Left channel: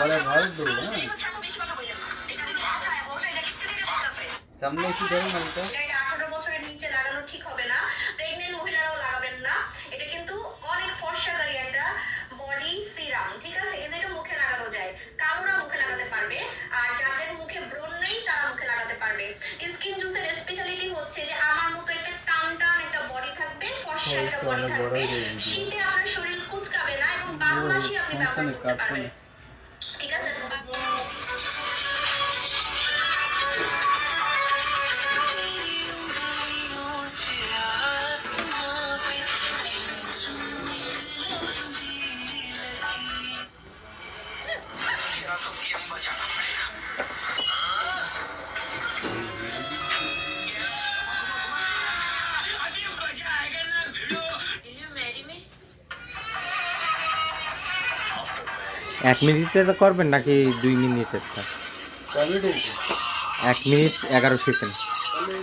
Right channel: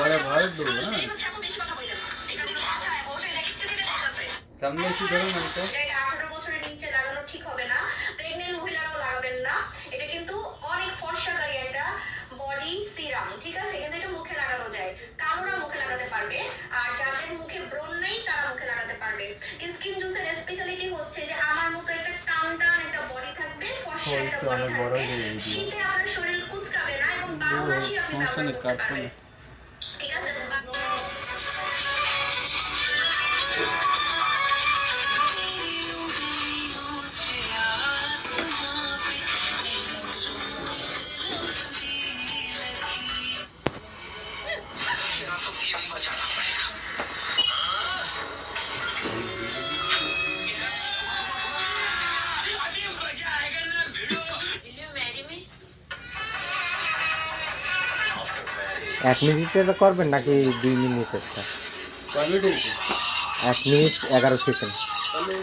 পরে ভালো দৌড় হ্যাঁ সামনে এসে ধরো না তো 18 বছরের নিচে লাগানো ঠিক হবে না, প্রেগন্যান্ট মহিলারাও লাগাবেন না। এটা কিন্তু অনেক ফর্সাকারী একটা বডি সিরাম, ঠিক আছে? কিন্তু এটা মুখে লাগানো যায়, কালোরা মুখে লাগাতে পারবে, আর যাদের মুখে ব্রণ নেই তারা মুখে লাগাতে পারবে। স্কিন জুসের স্পেশালিটি হচ্ছে যে আমার মতো একটা টান একটা বডি থাকবে, ফর্সা একটা বডি থাকবে, শীতে আপনার শরীর কুচকাবে না এবং 12 মাসই আপনি ব্যবহার করতে পারবেন, ঠিক আছে? এক মিনিটের করবেন নাকি 2 মিনিটের? 1 মিনিট 1 মিনিট 11 সেকেন্ড। তাহলে